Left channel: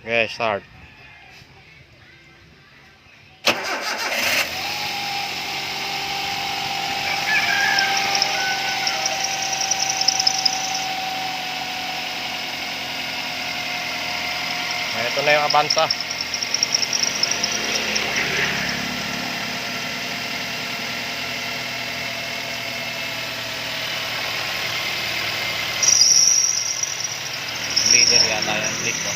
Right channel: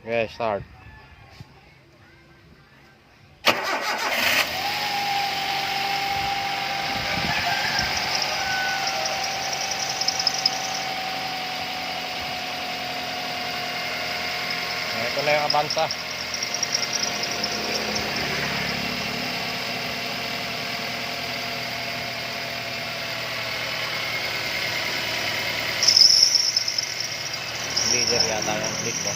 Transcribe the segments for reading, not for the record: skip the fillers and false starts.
Okay, start. Ito na yung Avanza. Bigger yata yan, leak mo.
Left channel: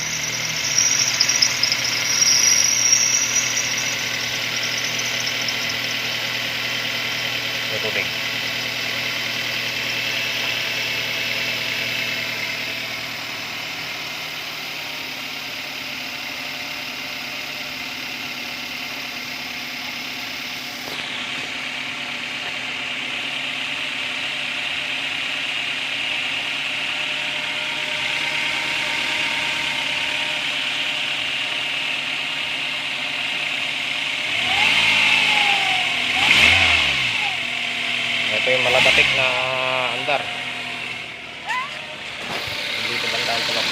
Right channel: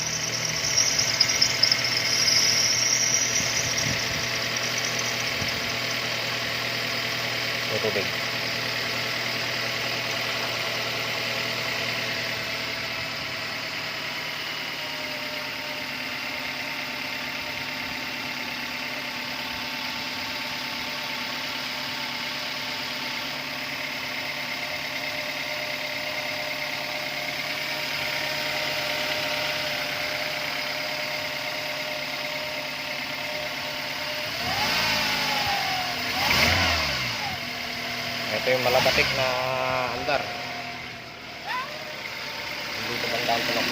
May tubig. Ito yung malabatik na andar. Dito bandaan ko lang.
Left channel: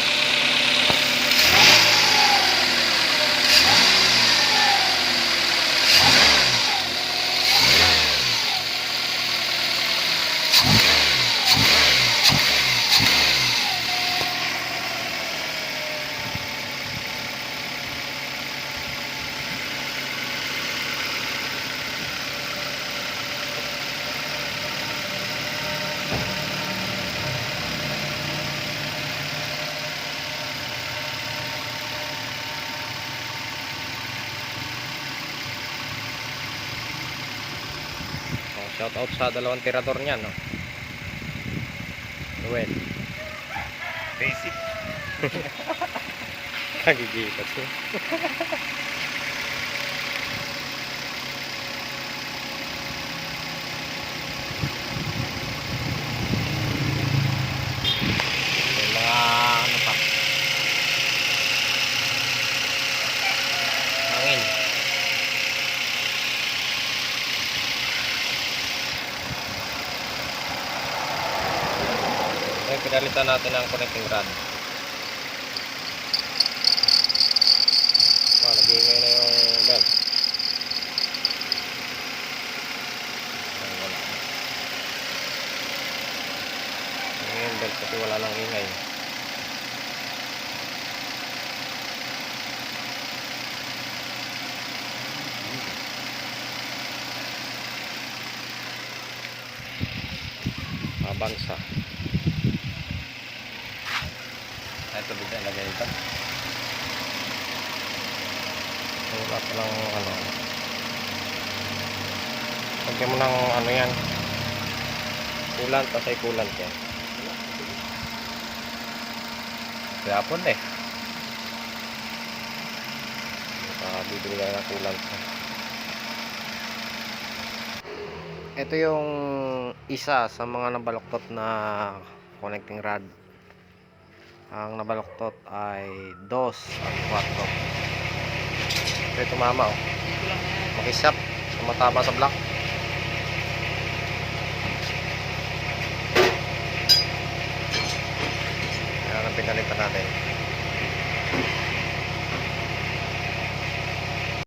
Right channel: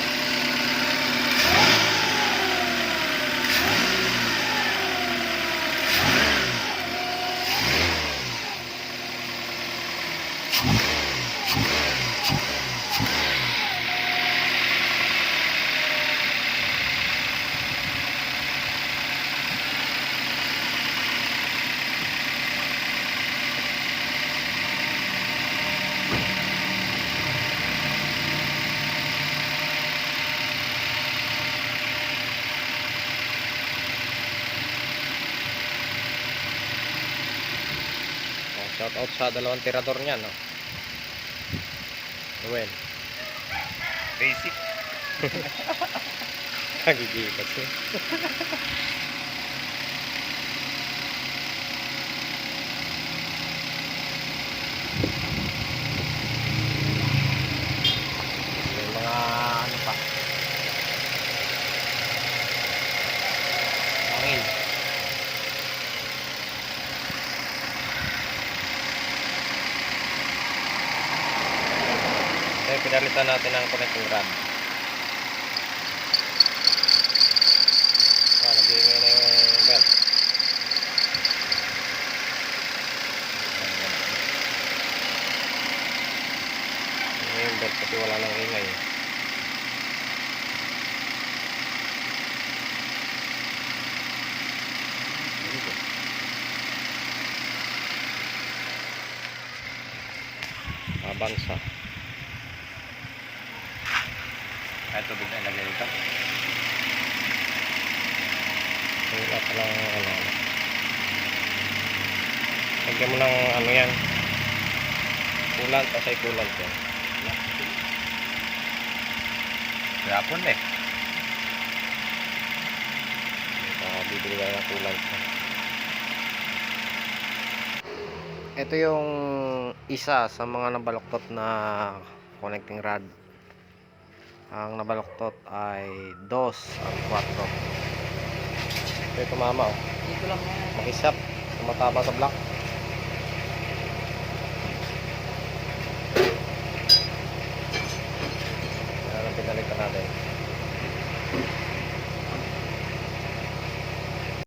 Shout out sa dalawang tirador niyan, no? Well, Basic. kagigipat ko. May mga ano pa. Hangin. Pinalitan natin ang connecting rod. Nag-iingay na yung belt. Yung belt kasi wala lang ingay. Avanza. Ito bigla lagay ito. Wala pa lang ano. Lagyan mo ng ano yan. Kulant, pasay kulant yan. Gapon eh. Bibili ka ng kulant. Ito yung isa sa mga nabaluktot na connecting rod. Ang nabaluktot ay 2 at 4. Ito tumama, oh. Makisap, tumatama sa block. Yan ang pinalitan natin.